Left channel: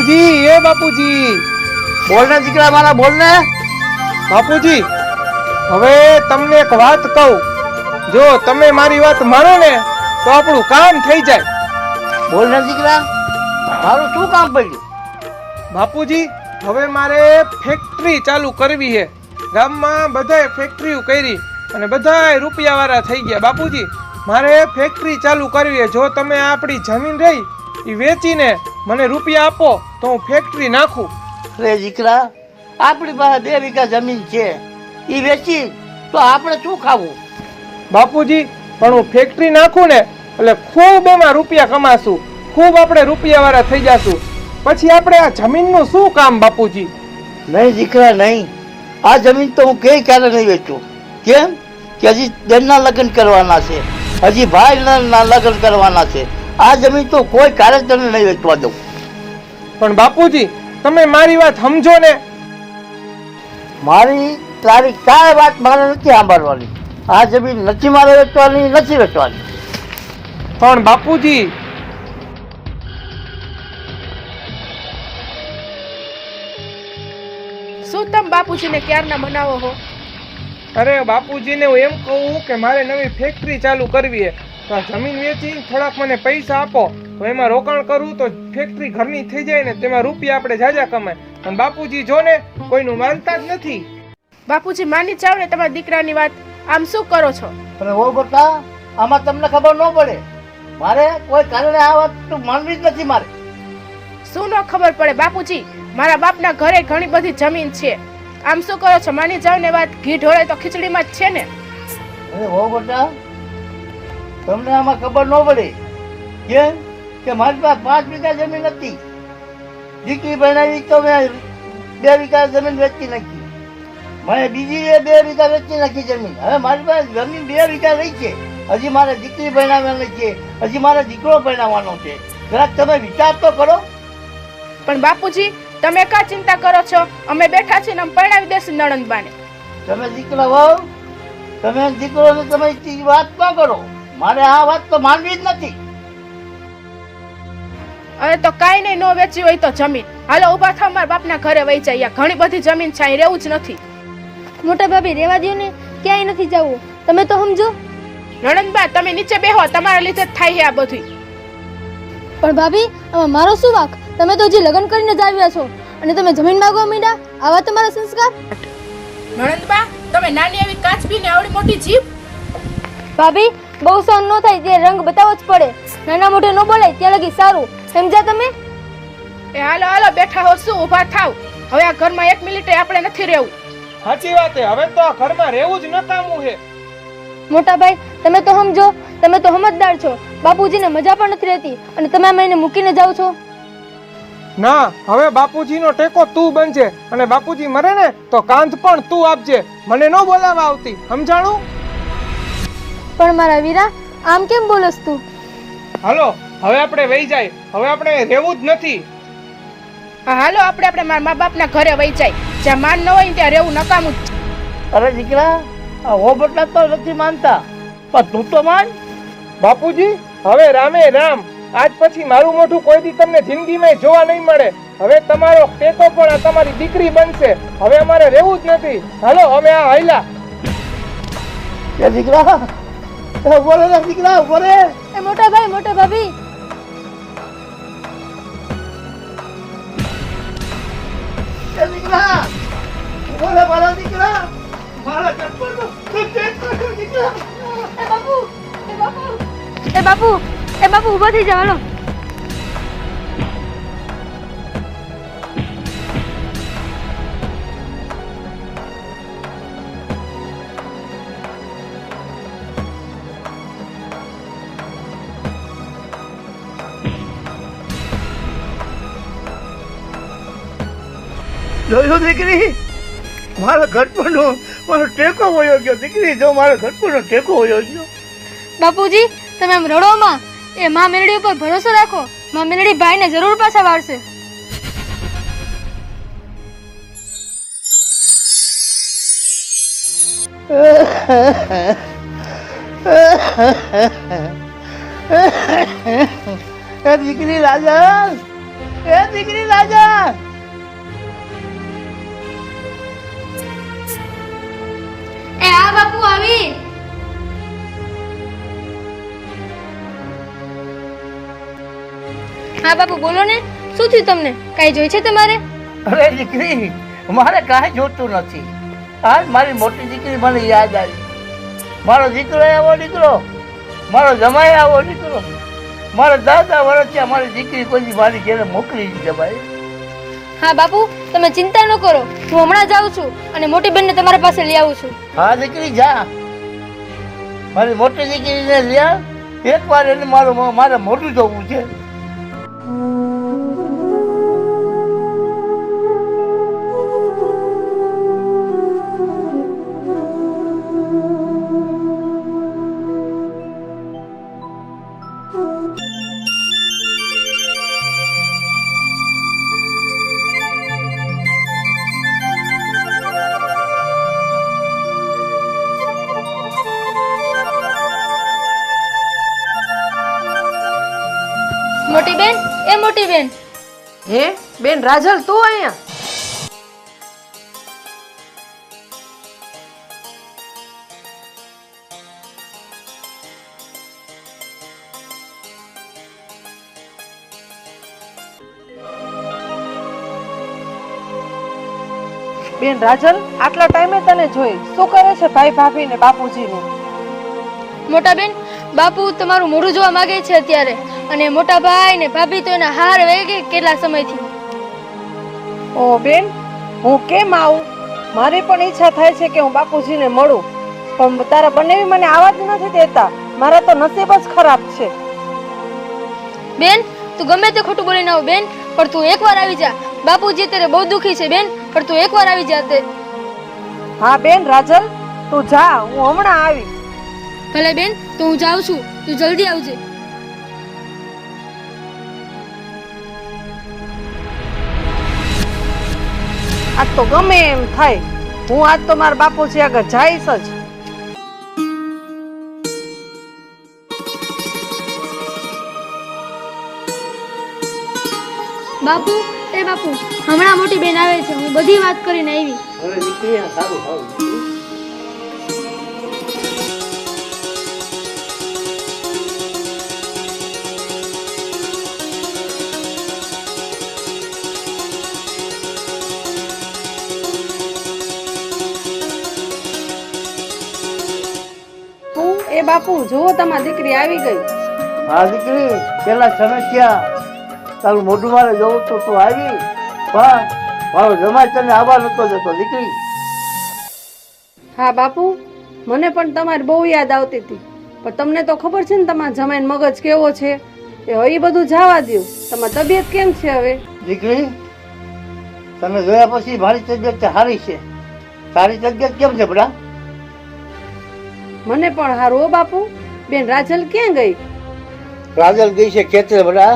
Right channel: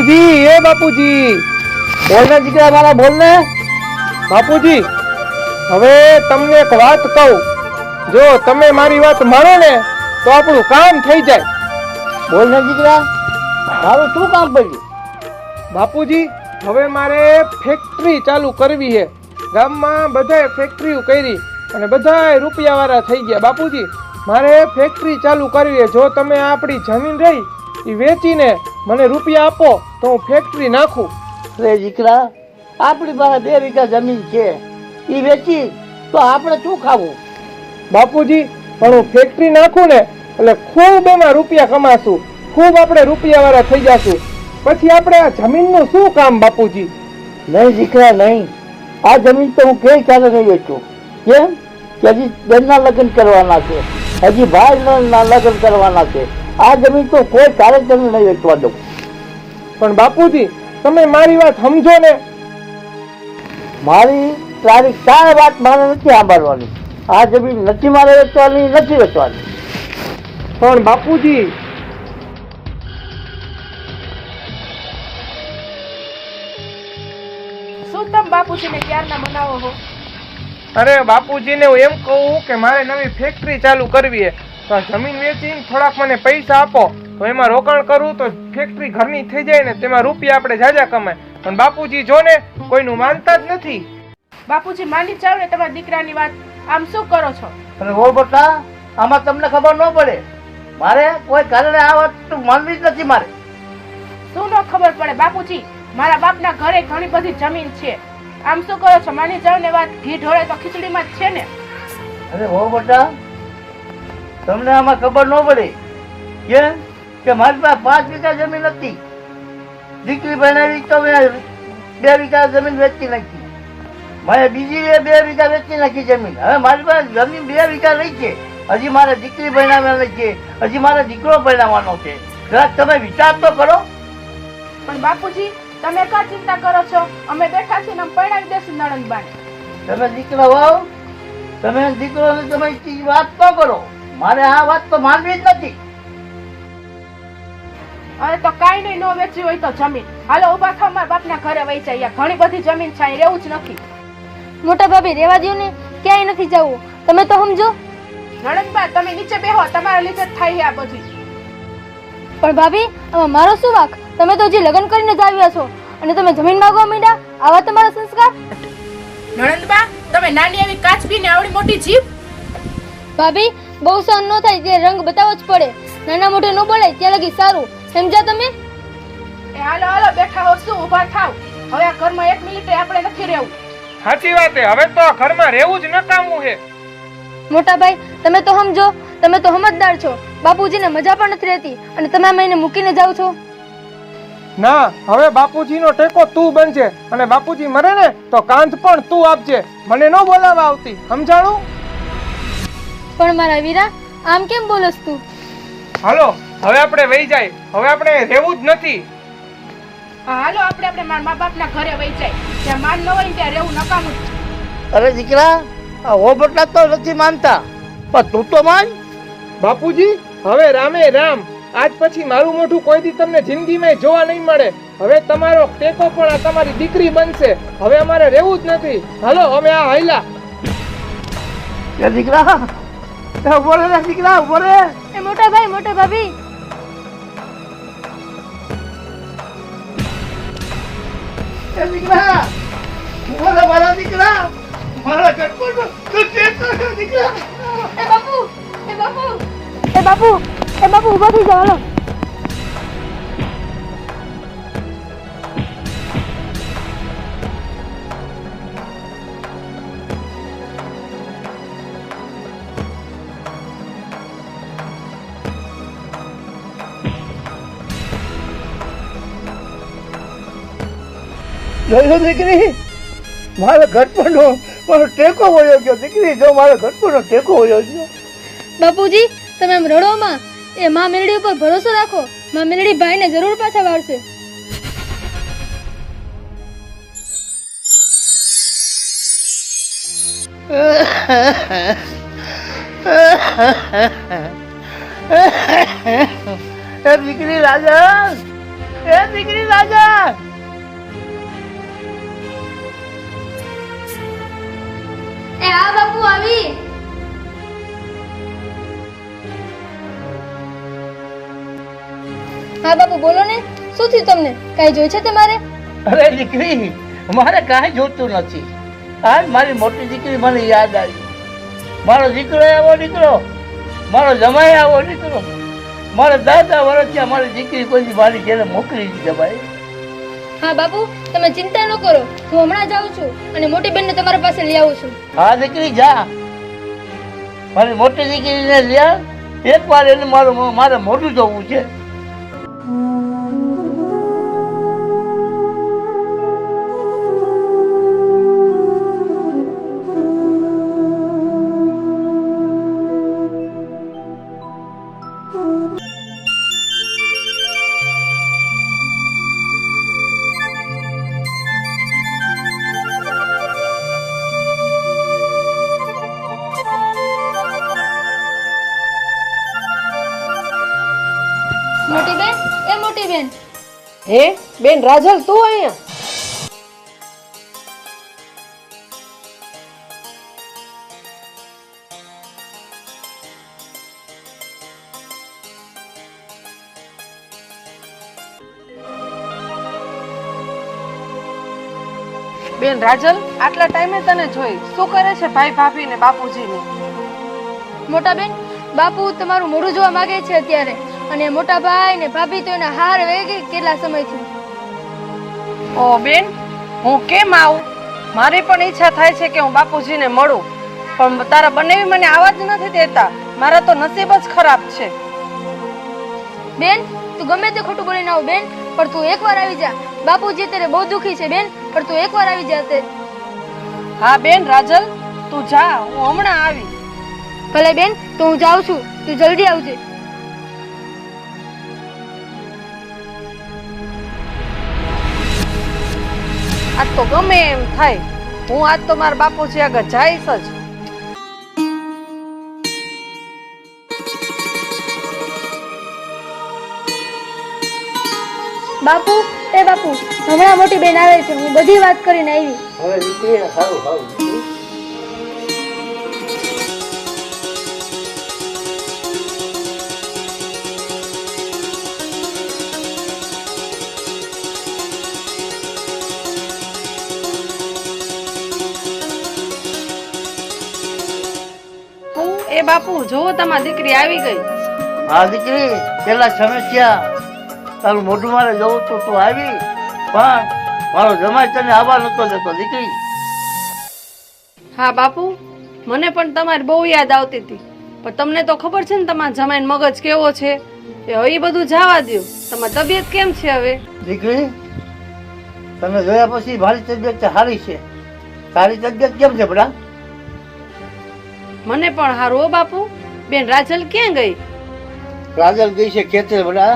બાપુજી, એ બાપુજી, બોલ ને દીકરા મારા, બોલ ને. બાપુજી, હવે તમને એક વાત કહું, જો તમે મારી વાત માનો ને તો આપણું કામ થઈ જાય. બોલ ને દીકરા, મારું શું કામ પડ્યું? બાપુજી, હવે મારે ફેક્ટરી ચાલુ કરવી છે. ગામમાં બધાએ ફેક્ટરીઓ કરી અને બધાએ રૂપિયાવાળા થઈ ગયા. બાપુજી, મારે ફેક્ટરી ચાલુ કરવી છે. જો તમે આપણી જમીન રહી એ વેચીને મને રૂપિયા આપો તો હું ફેક્ટરી નાખું. રે દીકરા, આપણી પાસે 2 વીઘા જમીન છે, એ વેચી તો આપણે શું ખાવું? બાપુજી, પણ હું ફેક્ટરી નાખું ને એટલે ખૂબ એમાં રૂપિયા કમાશું, ખૂબ આપણે રૂપિયાવાળા થઈ જશું. પછી આપણે આ જમીનનું શું કામ બાપુજી? નહીં દીકરા નહીં, આ જમીન તો હું કઈ ક્યારે નહીં વેચું. કેમ કે હજી બેનના લગ્ન કરવાના છે, હજી ભાઈના લગ્ન કરવાના છે. આ જમીન તો કોઈ કારે તને નહીં વેચવા દઉં. પણ બાપુજી, તમે મારી વાત સમજો ને. મારી તારી કાંઈ વાત મારે નથી સાંભળવાની. આ જમીન નથી મારે વેચવાની, નથી વેચવાની. પણ બાપુજી, શું તમે બાપુજીને ક્યારના મનાવો છો? અરે બાપુજીને હું એમ કહું કે મારે નવી ફેક્ટરી ચાલુ કરવી છે, તો આ જમીન વેચીને થોડાક મને પૈસા આપો તો એમાં રોકાણ કરું તો ફેક્ટરી ઘરની થઈ જાય ને તેમાં રૂપિયા આપણે જાજા કમાય. પણ બાપુજી જો ને કોઈનું માનતા જ નથી. બાપુજી માની જાવ ને તમારા દીકરાની વાત, આમ શું કરો છો? અને ઓ બેટા, આમાં તમને ખબર ન પડે. મારે કોઈ કારણે આ વાત તો માનવી જ નથી. મારે શું ન ખબર પડે બાપુજી? મારા બાપના ઘરે ઘણી બધી જમીન છે. આમ શું કરો છો? માની જાવ ને વાત, ઘી ઢોળે તો ખીચડીમાં જ છે ને. અરે ઓ બેટા, તમને આમાં ખબર ન પડે કેમ કે મારી પાસે 5 વીઘા જમીન હતી. દીકરી બનાવી તો મેં 2 વીઘા જમીન વેચી નાખી. મેં બીજી 2 વીઘા વેચી નાખી જમીન. હવે મારી પાસે જમીન 2 વીઘા રહી છે. હજી મારે દીકરી બનાવવાની છે, હજી મારે દીકરો બનાવવાનો છે. જરાક તમે વિચાર તો કરો. પણ બાપુજી, તમે કા ચિંતા કરો છો? અમે બેઠા છીએ ને અમે પરણાવી દેશું નણંદબાને. તમે દીકરા હોવ, તમે દીકરોને તમે વાત ન કરો. મારે આ વાત તો માનવી જ નથી. હવે તો કાઈ નહીં, નો વેચી હોય તો જમીન. હાલો ઉભા થાવ, મારા બાપના ઘરે વહી જાય. ઘણી બધી જમીન છે, અહીં રહેવું જ નથી. મોટા ભાભી, રેવા દો ને, ક્યાંય નથી જવું. તમે તો સમજો. નણંદબા, તમે નીચે બેહો, તમારા લીધે જ થાય છે આ બધું. પણ ભાભી, આમાં મારો શું વાંક? તમે તો હજી લગ્ન કરીને જ આવ્યા છો અને તમે જમીન માંગવા માંડ્યા. આવા તમારા સંસ્કાર? નણંદબા, તમે નાની એવી કાચબી ને આવડી મોટી જીભ. ભાભી, બહુ સહન ન થાય ત્યારે રંગ બતાવવો જ પડે. નાના મોઢે ન બોલાય ત્યાં લગી સારું. સમજ્યા તમે? એ હાલો હાલો, બેઠા હો શું? ઉભા થાવ. હવે આ ઘરમાં 1 મિનિટે આપણે નથી રહેવું. સાચી વાત છે, હવે તો આ ઘરમાં રહેવું જ નકામું છે. મોટા ભાઈ, તમે તો સમજો, તમે તો સમજદાર છો. બાપુજીને મજા પણ નથી રહેતી અને તમે એને મૂકીને જાઓ છો. ના, હવે બાપુજીનો ટેકો તું બનજે અને બાપુજી મરે ને તો કાંધ પણ તું આપજે. મને ન બોલાવા આવતી, સમજાણું? પણ મારા વીરા, આમ કેમ બોલસ તું? હાલો, હવે આપણે વહી જાય. હવે આપણે રહેવું જ નથી. હા હાલો, આપણે મારા મા બાપના ઘરે વહી જાય. જ્યાં માન ન હોય ને ત્યાં રહેવું નકામું. અરે દીકરા, આ ઓ બેટા તો નથી માનતા, પણ તું તો માન. બાપુજી, હવે રામે રામ. આજ પછી મારું મોઢું કોઈ દી તમને જિંદગીમાં જોવા નહીં મળે. હવે તમારો ટેકો પણ તમારી દીકરી બનશે. હવે અમારે રહેવું જ નથી. હાલો, અમે આ હૈલા. એ દીકરા, ઉભો રે દીકરા, ઉભો રે. એ મોટા ભાઈ, મોટા ભાભી, એ દીકરા, ઉભો રે મારા દીકરા. મારા ઘરનો તું ચેતો દીકરા. એ બાપુ, એ બાપુ, એ બાપુ, એ બાપુ, ઊભા થઈ જાવ. હાલો. જોયું દીકરી, મારા ઘટપણનો મારો ટેકો હોયો ગયો. દીકરી, જો મારો ઘટપણનો ટેકો હોયો ગયો. બાપુજી, તમે આમ રડોમાં. એ માં મેરડી ઉપર ભરોસો રાખો. માં મેરડી ભાઈને જરૂર પાછા વાળશે. દીકરી રાજન, એ એ દીકરી રાજા એ આ બાપુ આવી. હા બાપુ બોલો ને, શું થયું તમને? કાઈ જોઈ છે તમારે? અરે દીકરી મારે કાંઈ જોતું નથી. આજ મારી મોટી દીકરી મને યાદ આવી. મારો દીકરો આવો દીકરો, મારો જમાઈ આવો દીકરો, મારા દાદા વર્ષથી મારી દીકરી કોઈ મારી ઘેરે મોકલી દીધી ભાઈ. હા બાપુ તમે ચિંતા ન કરો, હું હમણાં જાઉં છું અને મોટી બેનને તમારા પાસે લઈ આવું છું. હા દીકરી જા, મારી મોટી દીકરીને લ્યા. એક વાર એને મારે મોઢું જોવું છે. મોટી બેન, એ મોટી બેન. હે બેન રાજલ, તું અહીંયા? બેન રાજલ, આટલા ટાઈમે તને જોઈ. શું કરે છે ભાઈ ભાભી ને બાપુજી ને? મોટા બેન, બાપુ તમારું મોઢું જોવા માંગે છે અત્યારે, અને મોટા ભાઈ ને ભાભી તો એના હાર વેગે કેટલા સમયથી. ઓ બેન, હું કેમ આવું? મારી પણ ઈચ્છા થાય છે કે હું બાપુજીને મળું, પણ તારા બંને મને આવા જ નથી દેતા. મારા તો નસીબ જ ખરાબ છે. બેન તું ગમે તે ખોટું બોલી ના હો બેન, પણ તું એકવાર આવી જા. બાપુજી અત્યારે બહુ દુખી છે બેન, પણ તું એકવાર આવી જા. તે હા બેન રાજલ, તું જા, હું હમણાં આવી. ભલે બેન, તો હું જાઉં છું, તું જલ્દી આવજે. આજ તો ગમે એમ થાય, હું આજ તો મારા બાપુજી આગળ જઈશ જ. બાપુ, એ બાપુ, હમણાં મોટી બેન આવે છે, હું બધી વાત કરીને આવી. હવે દીકરી સારું સારું દીકરી. એ બાપુ જુઓ, તમારી દીકરી આવી ગઈ. હા દીકરી, પેલા સમસ્યા તારું મોઢું મારે જોવું તો તું આવી, પણ મારો જમાઈ તને આવવા નતો દેતો દીકરી. હા બાપુ, મને પણ તમારી બહુ યાદ આવતી હતી, પણ તમને તો ખબર છે ને તમારા જમાઈનો મગજ કેવો છે. એ હવે એ બધું જવા દો. તમારી તબિયત કેમ છે હવે? દીકરી તને જોયા પછી મારી તબિયત સારી છે. તારી તબિયત કેમ છે બડા? મને પણ હારું હો બાપુ. બેન રાજલ ક્યાં ગઈ? રાજલ ગઈ છે ખેતરે બડા,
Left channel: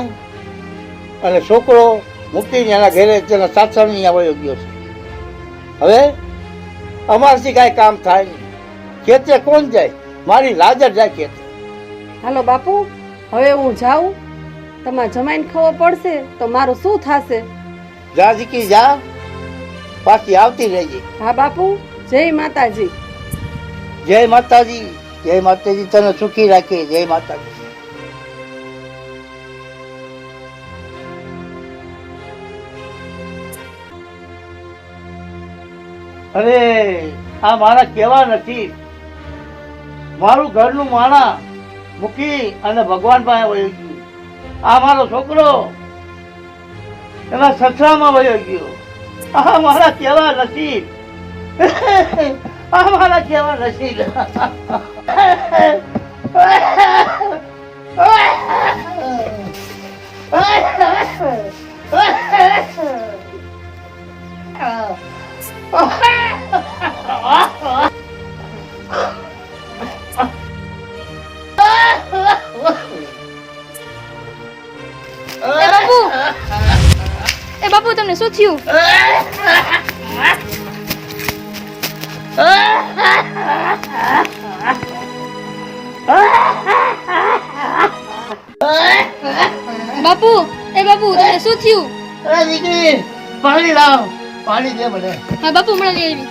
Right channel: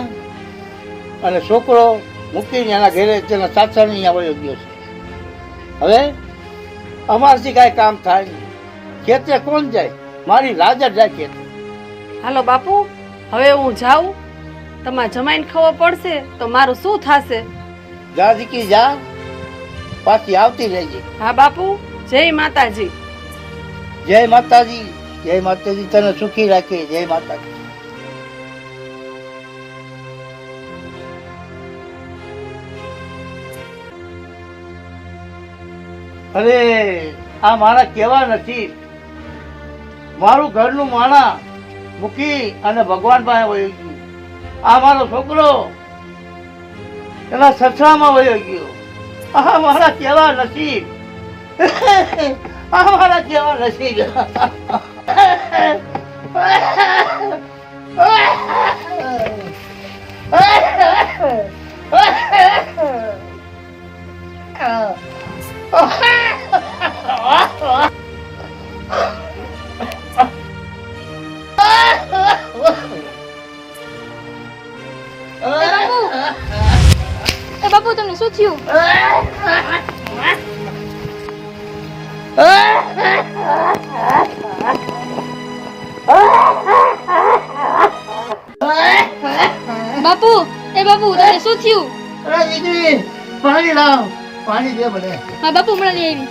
અને છોકરો મૂકીને એના ઘરે તેના સાસરાની આવ્યો ગયો છે. હવે અમારથી કાંઈ કામ થાય નહીં. ખેતરે કોણ જાય? મારી રાજલ જાય ખેતરે. હાલો બાપુ, હવે હું જાઉં. તમારા જમાઈને ખબર પડશે તો મારું શું થશે? જા દીકરી જા, પાછી આવતી રહેજે. હા બાપુ, જય માતાજી. જય માતાજી, જય માતાજી, તને સુખી રાખે. જય માતાજી. અરે આ મારા કેવા નથી. મારું ઘરનું માણા મૂકી અને ભગવાન પાસે વયો ગયું. આ મારો છોકરો એના સસરામાં વયો ગયો. આ મારા કેવા નસીબ. આ મારા કેવા નસીબ. એ બાપુ, તમને શું થયું? બાપુ, એ બાપુ, તમને શું થયું? એ દીકરી પાણી લાવ, પાણી દે મને. હા બાપુ હમણાં લઈ આવી.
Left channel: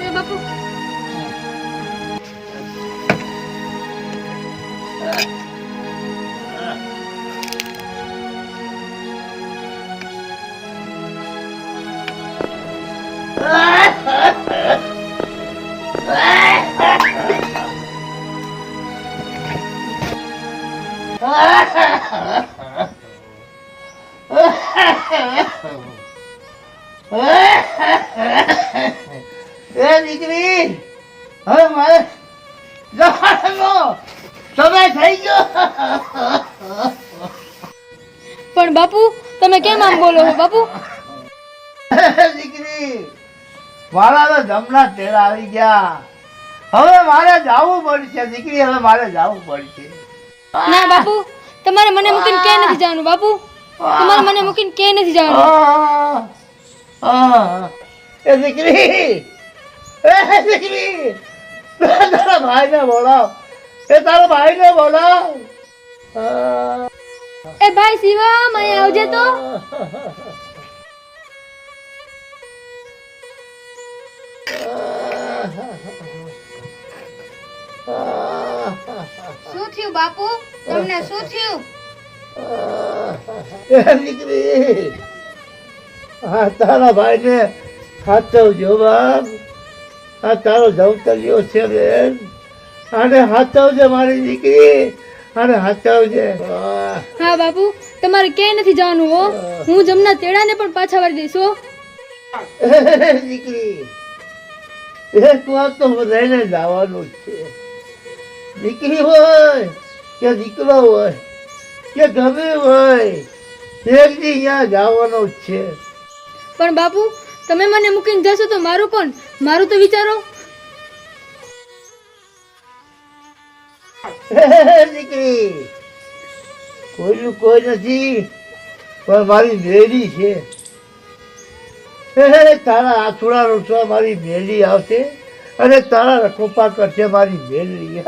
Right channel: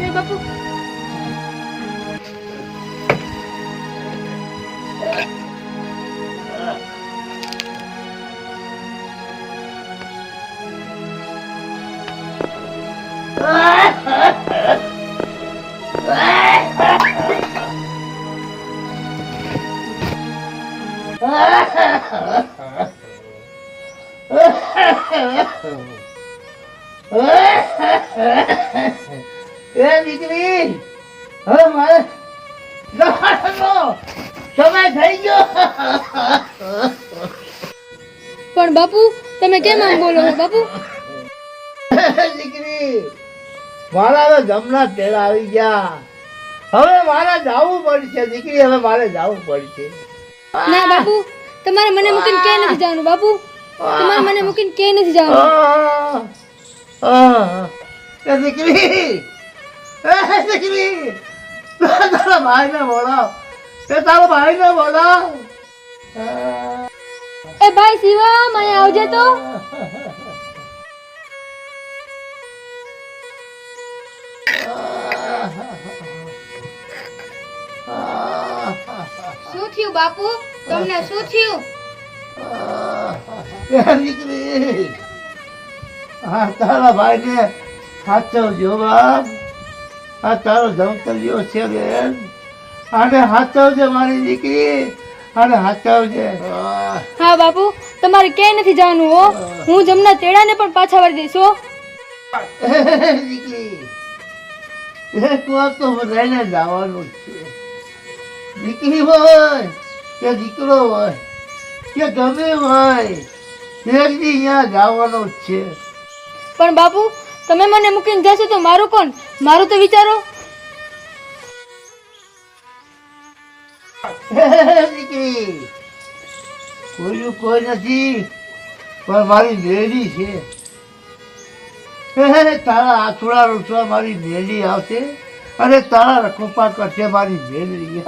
લે બાપુ. એ દીકરી હવે મારે જવાનો સમય થઈ ગયો. પણ બાપુ તમે કેમ આમ બોલો છો બાપુ? દીકરી મારા જમના તેડા આવી ગયા. હવે મારે જવું પડશે દીકરી, હવે મારે જવું પડશે. ના બાપુ, તમારે મને મૂકીને ક્યાંય નથી જવાનું બાપુ. તમારે મને મૂકીને ક્યાંય નથી જવાનું. એ દીકરી, એ દીકરી, તારા ભાઈને બોલાવ, એ તારા ભાઈને બોલાવ. એ ભાઈ શિવમ, અહીંયા આવજે તો. શું થયું બાપુ? તમને શું થયું? એ દીકરી, આ તારા ભાઈને હાચવજો બાપ. આ તારો જવતરિયો છે બેન, આને હાચવજે મારી દીકરી, આને હાચવજે. હા બાપુ, તમારે ક્યાંય નથી જવાનું હો. હું જમના તેડાને પણ પાછા વાળી દઈશ હો. દીકરી, એક વાર તો બધાને જવાનું જ છે. દીકરી હોય કે દીકરો હોય કે ગમે હોય, એક દી અહીંયા જવાનું જ છે. પણ બાપુ, તમે મને મૂકીને જશો તો મારું કોણ? મારું તો વિચારો. દીકરી, કોઈનું કોઈ નથી, પણ મારી મેલી છે. તારા આથુડા રૂસવા મારી મેલી આવશે અને તારા રખોપા કરશે મારી મેલી.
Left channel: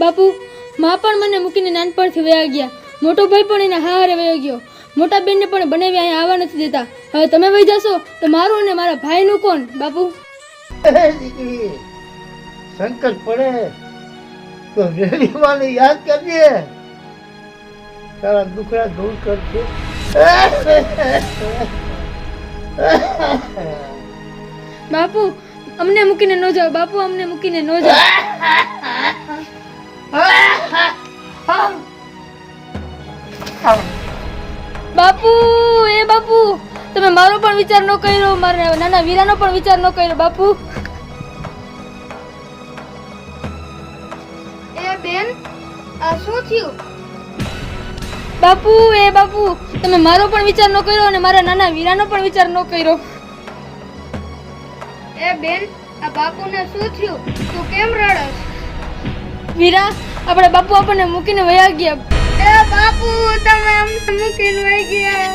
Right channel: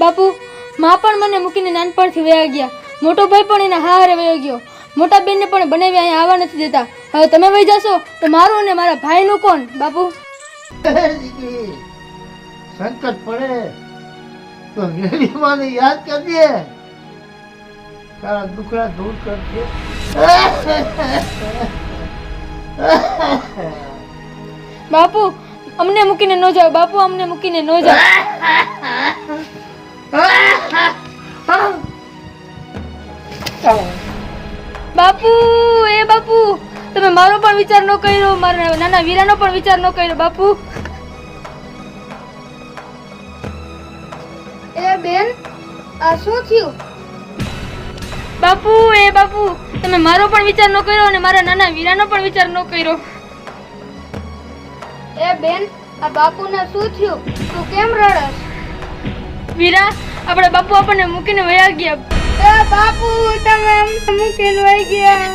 બાપુ, માં પણ મને મૂકીને નાનપણથી વયા ગયા. મોટો ભાઈ પણ એના હારે વયો ગયો. મોટા બેનને પણ બનાવી અહીંયા આવવા નથી દેતા. હવે તમે વહી જશો તો મારું અને મારા ભાઈનું કોણ બાપુ? દીકરી, સંકટ પડે તો મેલી માને યાદ કરજે, તારા દુખડા દૂર કરશે. બાપુ, અમને મૂકીને ન જાઓ બાપુ, અમને મૂકીને ન જાઓ. બાપુ, એ બાપુ, તમે મારો પણ વિચાર ન કર્યો, મારા નાના વીરાનો પણ વિચાર ન કર્યો બાપુ. એ બેન, આ શું થયું? બાપુ, એ બાપુ, તમે મારો પણ વિચાર ન કર્યો અને મારા નાના વીરાનો પણ વિચાર ન કર્યો. એ બેન, આ બાપુને શું થયું? તું કેમ રડસ? વીરા, આપણા બાપુ આપણને મૂકીને વયા ગયા. એ બાપુ, તમે અમને મૂકીને વહી ગયા.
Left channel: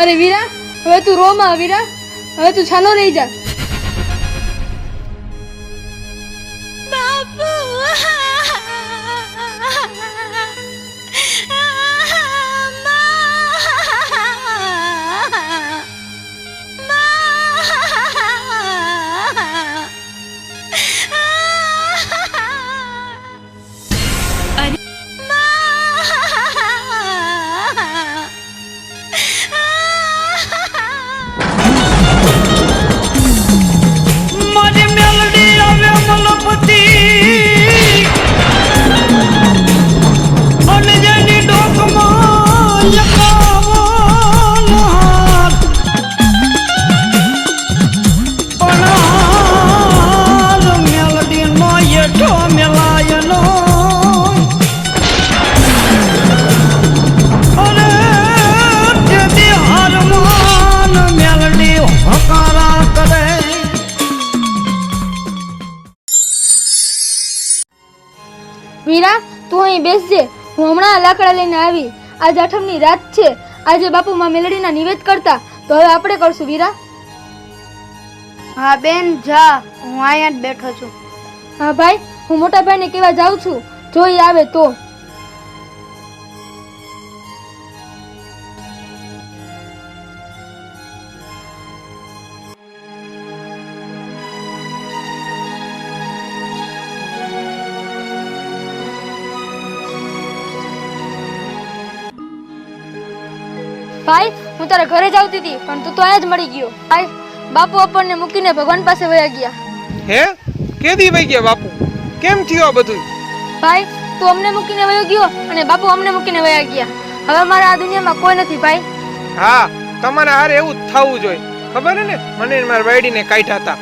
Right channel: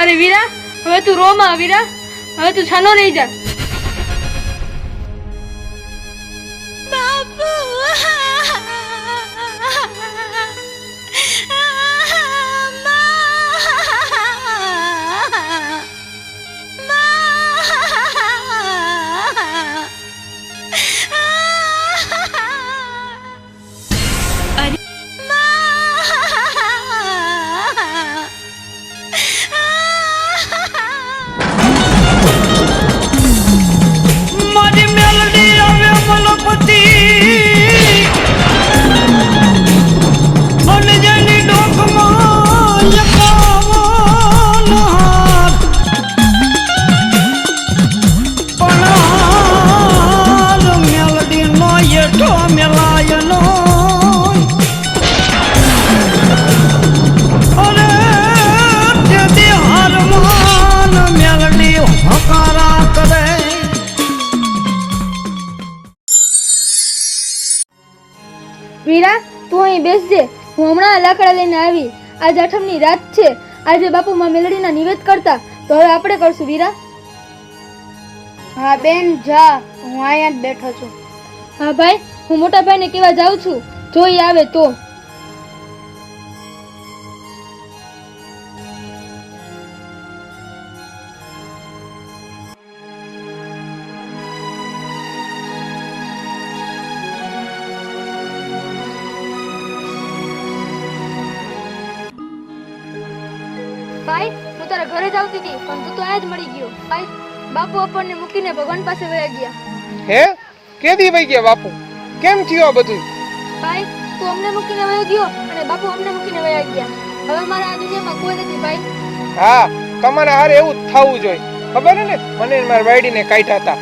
અરે વીરા, હવે તું રોમાં. વીરા, હવે તું છાનો રહી જા. બાપુ, વીરા, તું અહીં બેસજે. હું હમણાં લાકડા લઈને આવી. આજ આઠમની રાત છે. આજે બાપુ માં મેલડીના નિવેદ કરતા, તો હવે આપણે કરશું વીરા. હા બેન જા, હું અહીંયા જ બેઠો છું. હા ભાઈ, હું મોટા ભાઈને કેવા જાઉં છું, જો ઈ આવે તો. ભાઈ, હું તારા ઘરે જ આવતી હતી, પણ તું તો અહીંયા જ મળી ગયો. ભાઈ, બાપુ આપણને મૂકીને ભગવાન પાસે વયા ગયા. હે, કેદી વઈ ગયા બાપુ? કેમ થયું આ બધું? ભાઈ, તું અમને મૂકીને વયો ગયો અને બાપુ અમને મૂકીને વયા ગયા. હવે મારા આ દુનિયામાં કોઈ નથી ભાઈ. હા, તમારા હારે એવું જ થવું જોઈએ. ખબર હે ને, મને ને મારા વાડીને કાઢ્યા હતા.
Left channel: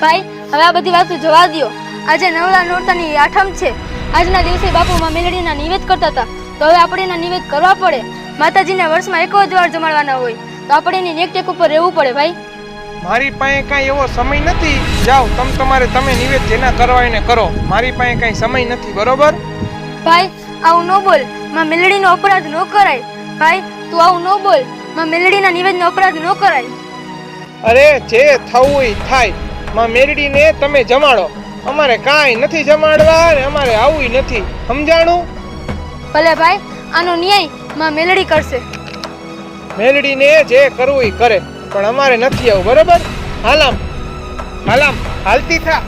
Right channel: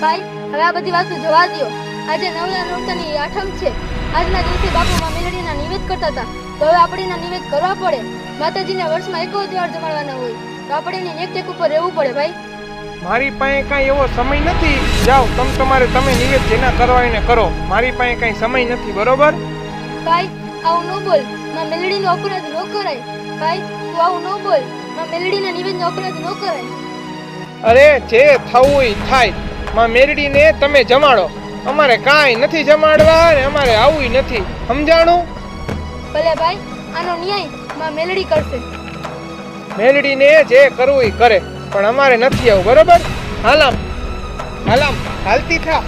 ભાઈ, હવે આ બધી વાતો જવા દ્યો. આજે નવલા નોરતાની આઠમ છે. આજના દિવસે બાપુ માં મેલડીના નિવેદ કરતા હતા, તો હવે આપણે એના નિવેદ કરવા પડે. માતાજીના વર્ષમાં એક જ વાર જમાડવાના હોય, તો આપણે એની દેખરેખ ઉપર રહેવું પડે ભાઈ. મારી પાસે કાંઈ એવો સમય નથી. જાઓ, તમે નિવેદ જેના કરવા એને કરો. મારી પાસે કાંઈ સમય નથી, બરોબર? ભાઈ, આવું ન બોલ. માં મેલડીનો અપરાધ ન કરાય. ભાઈ, તું આવું ન બોલ. માં મેલડીના નિવેદનો અપરાધ ન કરાય. અરે, જે થવું ઈ થાય. માં મેરડીને તમે જમાડો. અમારે કાંઈ નથી જમાડવા ને અમારે આવું નથી. સમજાણું? ભલે ભાઈ, આનો ન્યાય માં મેલડી કરશે. મેલડીને જે કરવું ઈ કરે, પણ અમારે નથી આવું, બરોબર? હાલામ હાલતી થા.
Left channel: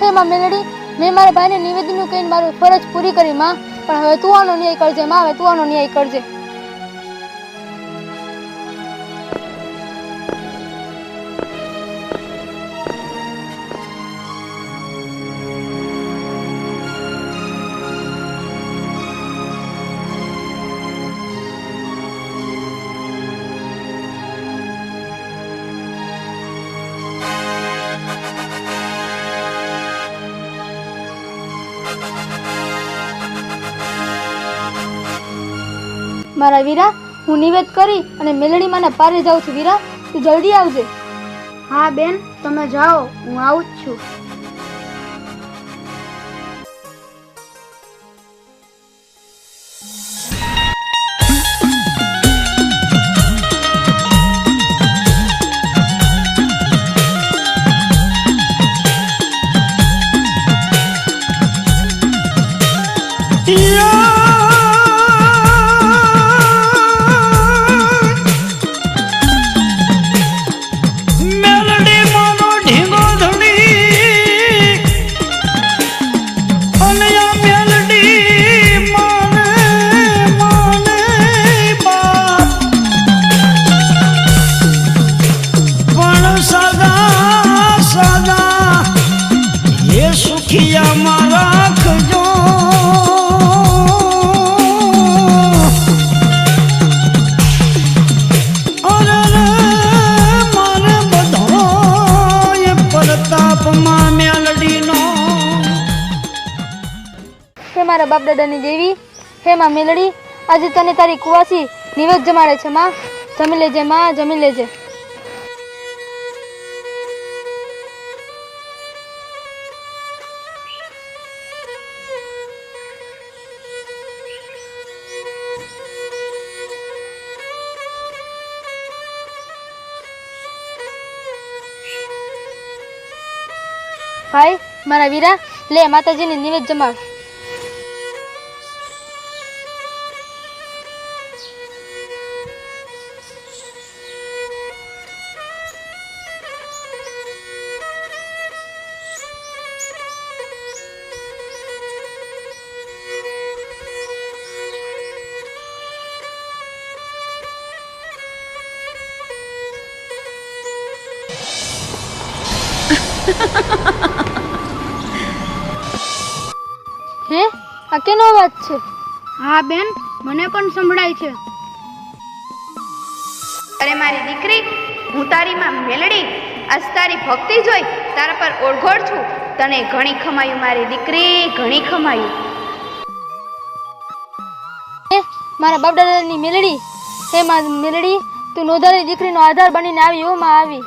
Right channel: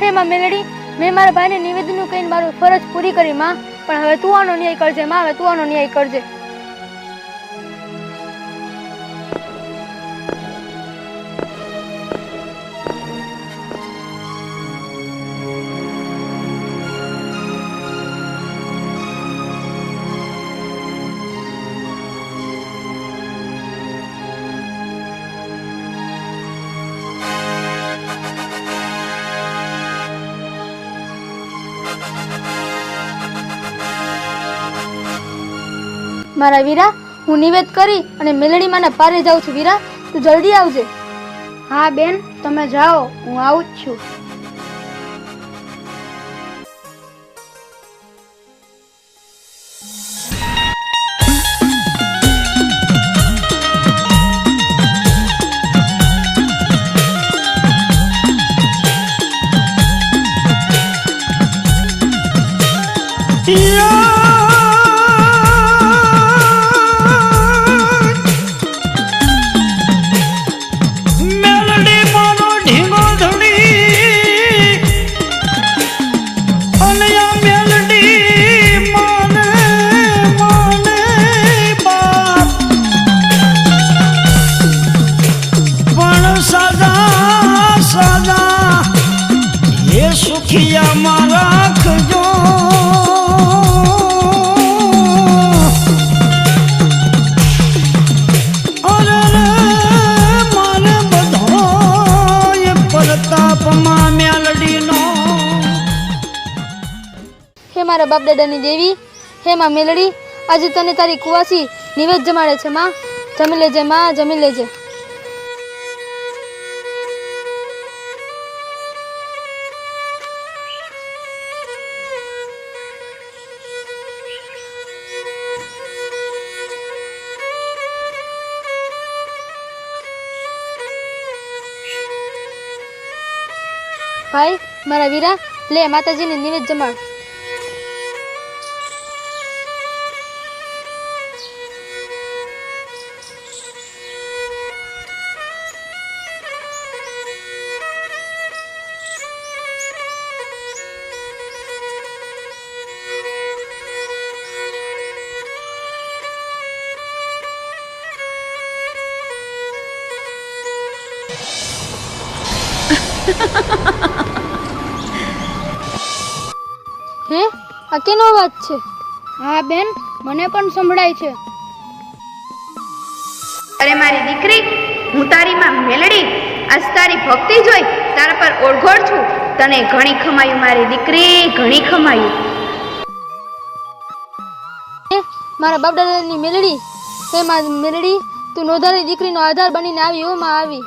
હે માં મેલડી, મેં મારા ભાઈને નિવેદનનું કહીને મારું ફરજ પૂરી કરી માં, પણ હવે તું આનો ન્યાય કરજે માં. હવે તું આનો ન્યાય કરજે. મારા વીરા, હું નિવેદ કરી અને મેલડી માના પારે જાઉં છું. વીરા, તું જલ્દી આવજે. હા બેન, તમે જાઓ, હું આવું જ છું. સુખિયામાં રાખજો અરે મારે બધો પ્રતાપમાં મેલડીનો. હે મારા બાપ દાદાની દેવી, હે માં મેલડી, આજે તને તારી કુવાસી નિવેદ જમાડે છે માં. જમી લેજે માં, જમી લેજે. ભાઈ, મારા વીરા, લે માતાજીને નિવેદ જમાડ. હે, આ કેનો અવાજ છે? હા બેન, મને પણ સંભળાય છે. અરે મારી દીકરી, હું તારી માં મેલડી. આજ તારી ભક્તિ જોઈ તારા પર ઓળઘોળ છું. તને ઘણી ખમાયું મારી દીકરી, ઘણી ખમાયું. હે મારા બાપ દાદાની મેલડી, હે માં મેલડી, તું નોધારી દીકરીનો આધાર બનીને આવી. ઓ માં આવી.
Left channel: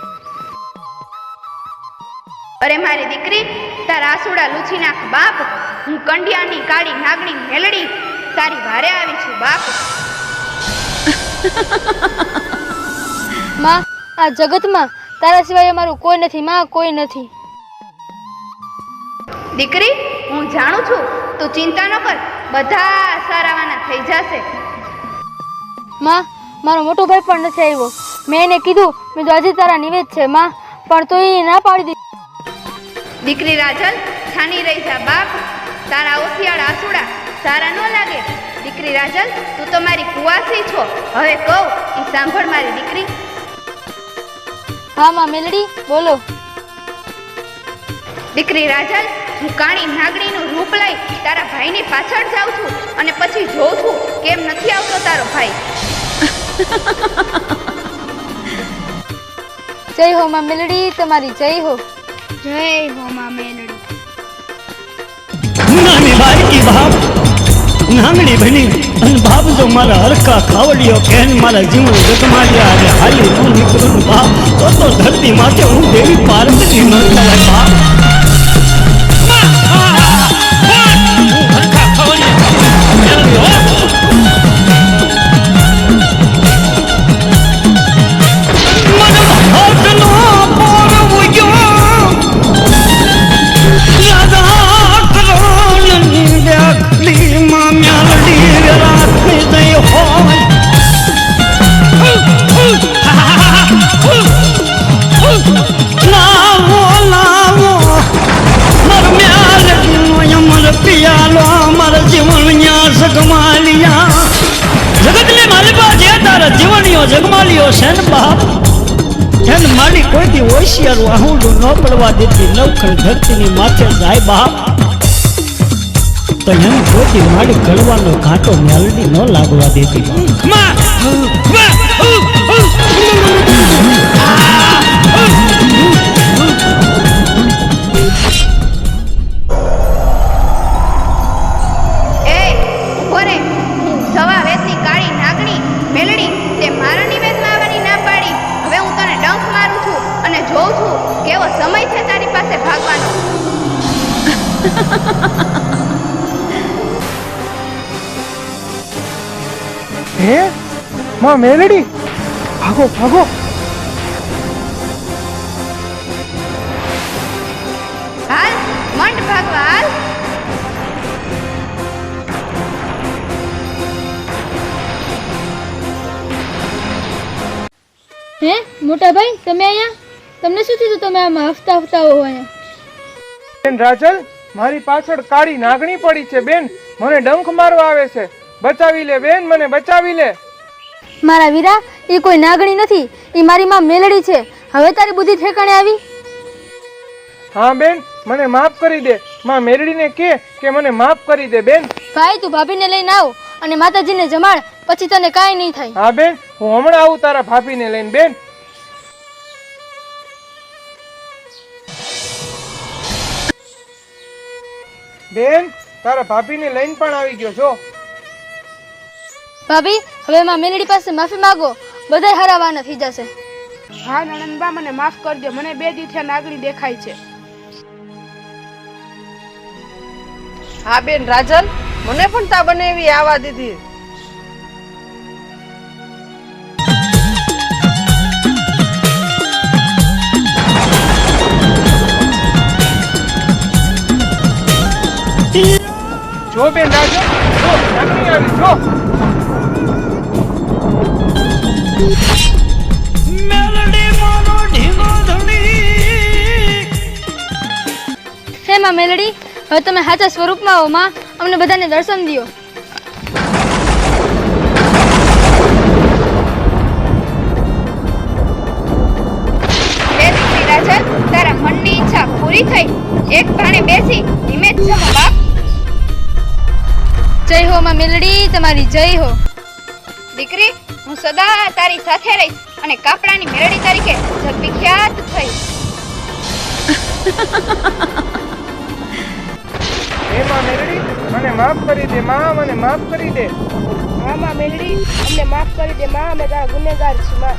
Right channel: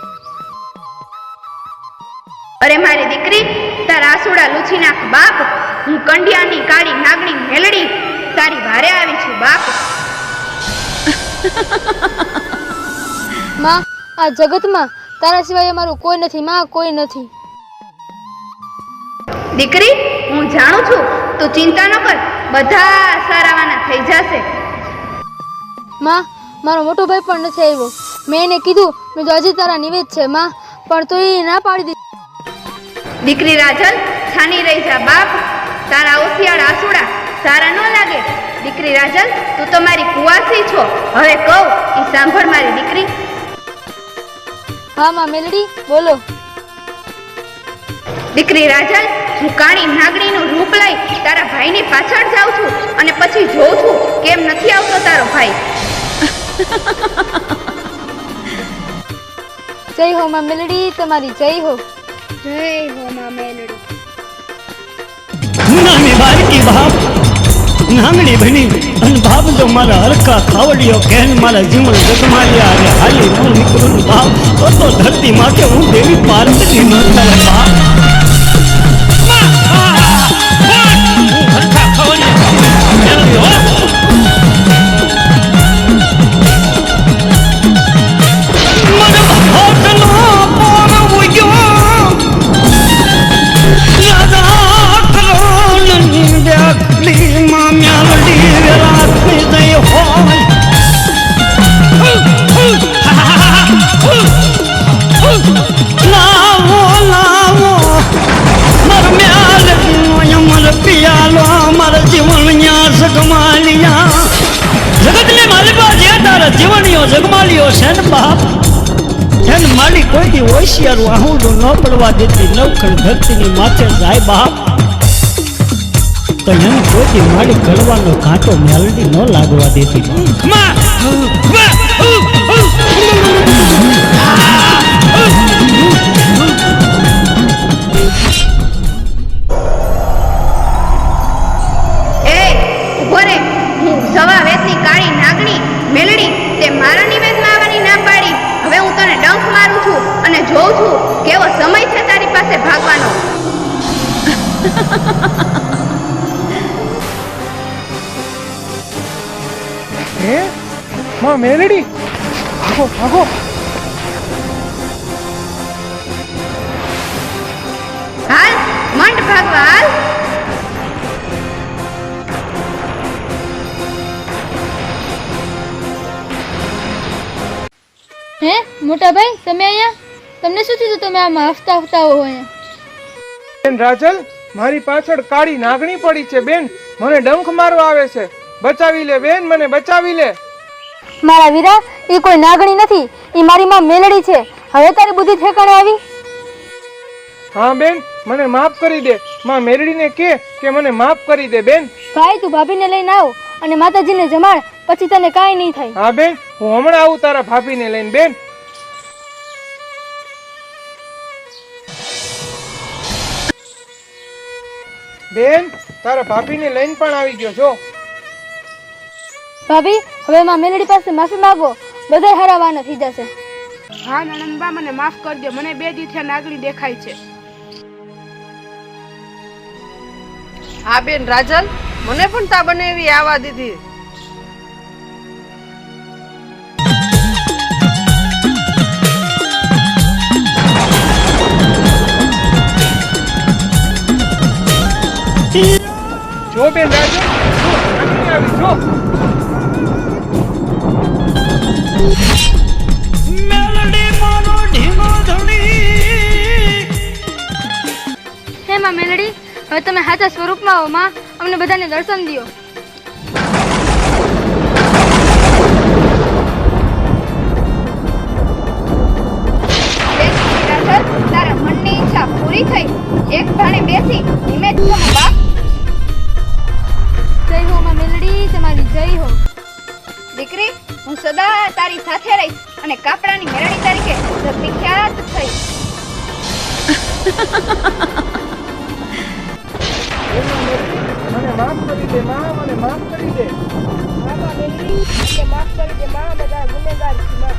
અરે મારી દીકરી, તારા આસુડા લૂછી નાખ બાપ. હું કંડિયાની કાળી નાગણી મેલડી તારી વારે આવી છું બાપ. માં, આ જગતમાં તારા સિવાય અમારું કોઈ નથી માં, કોઈ નથી. દીકરી, હું જાણું છું, તું ચિંતા ન કર, બધા સારાવાના થઈ જશે. માં, મારો મોટો ભાઈ પણ નથી આવ્યો. મેં એને કીધું મેં તો આજે તારા નિવેદ છે માં, પણ તો એ ના પાડી દીધી. દીકરી રાજલ, છાની રહી જા બાપ. તારા ઓસિયાળ આસુડા સારા ન લાગે. દીકરી રાજલ, તું તો મારી કુવાસી છો. હવે કહું ઈ સાંભળ મારી દીકરી. હા માં મેલડી, બોલો. દીકરી રાજલ, હું કાળી નાગણીનું રૂપ લઈ તારા ભાઈની પાછળ જાઉં છું અને પછી જોઉં છું કેમ નથી આવતો તારો ભાઈ. જય હો માં મેલડી, તમારી જય હો. નાની બારકી બાપ નાંગડી બની અને બાપ જો મારા હરકા ખાવડીઓ કેન મારા જીવન જગમાલિયા આજે હાલી ન નીકળું બાપ તો ધરતી માથે હું દેવી પાર્વતી ન થવાય બાપ. હરકા ખાવડીઓ પિયાલો અમારા જીવણિયા જગમાલિયા જગતને માલિકા જે તારા જીવણીઓ જગમાલિયો છે ને બાપ એને માલી કોઈ દી હોશિયારું આહુડું ન પડવા દેતી. નવખંડ ધરતીની માથે જાય બાપ તો એને કોઈ દી માલી ગળવાનો ઘાટો મેલડી ન લાગવા દેતી. જોઉં છું કેવો સમય છે તારી પાસે ભાગવાનો. હે માં મેલડી, ભાગો ભાગો. હાલ મંડ ભાગવા હાલ. હે મોટા ભાઈ, તમે અહીંયા? તમને શું થયું? તમે આમાં હફતા હફતા હો ને? બેન રાજલ, મારી પાછળ કાળી નાગણી પડી છે બેન, મને ડંખ મારવા આવે છે. બચાવી લે બેન, મને બચાવી લે. મારા વીરા, એ કોઈ નાગણી નથી, એ મારી માં મેલડી છે. હવે તારી બુદ્ધિ ઠેકાણે આવી? હા બેન, મને માફ કરી દે. માં મેલડીને કે મને માફ કરી દે બેન. ભાઈ, તું ભાભીને લઈને આવ અને માતાજીને જમાડ, પછી તને કાંઈ નહીં થાય. હા બેન, હું હમણાં આવું તારા ભાભીને લઈને બેન. બેન, તારા ભાભીને લઈને પણ આવી ગયો છો. ભાભી, હવે માં મેલડી પાસે માફી માંગો, બધા હરાવાના થઈ જશે. હા નણંદબા, મને માફ કરજો. મને 2 દીથી નાગણી દેખાય છે. હા બેન રાજલ, મને પણ તા બને એવી આવા દીધી. જો બેન રાજલ, જો. મેલડી મારો ઢીંગો ધણી. હે માં મેલડી, હવે તમે સાચા સ્વરૂપમાં આવો માં, અમને બધાને દર્શન દિયો. તારા મનની ઈચ્છા પૂરી થઈ. એક ભાણે બેસી ધીમે ધીમે બાપ. જય હો માં મેલડી, તમારી જય હો. દીકરી, હું સદા તારી સાથે રહીશ અને કાપડાની મેરડી તરીકે વિખ્યાત થઈશ. મને માફ કરી દે માં, મને માફ કરી દે. મામા મેલડી, એટલે માફ કરી દે માં, અમે તારા ગુનેગાર છીએ માં.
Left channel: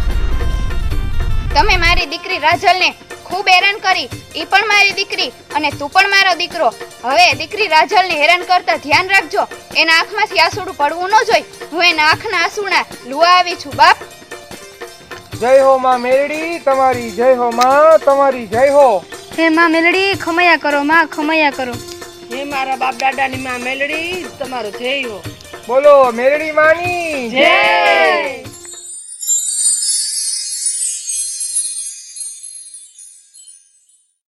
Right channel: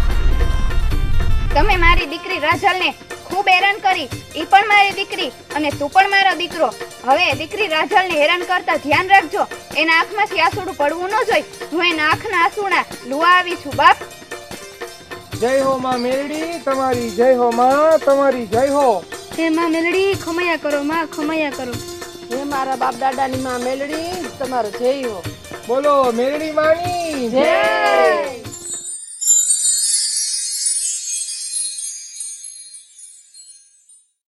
તમે મારી દીકરી રાજલને ખૂબ હેરાન કરી. ઈ પણ મારી દીકરી અને તું પણ મારો દીકરો. હવે દીકરી રાજલને હેરાન કરતા ધ્યાન રાખજો. એના આંખમાંથી આંસુડું પડવું ન જોઈ. હું એના આંખના આંસુડા લુવા આવી છું બાપ. જય હો માં મેરડી તમારી, જય હો માં તમારી, જય હો. હે માં મેલડી ખમૈયા કરો માં, ખમૈયા કરો. હે મારા બાપ દાદાની માં મેલડી તમારો જય હો. બોલો મેરડી માની જય.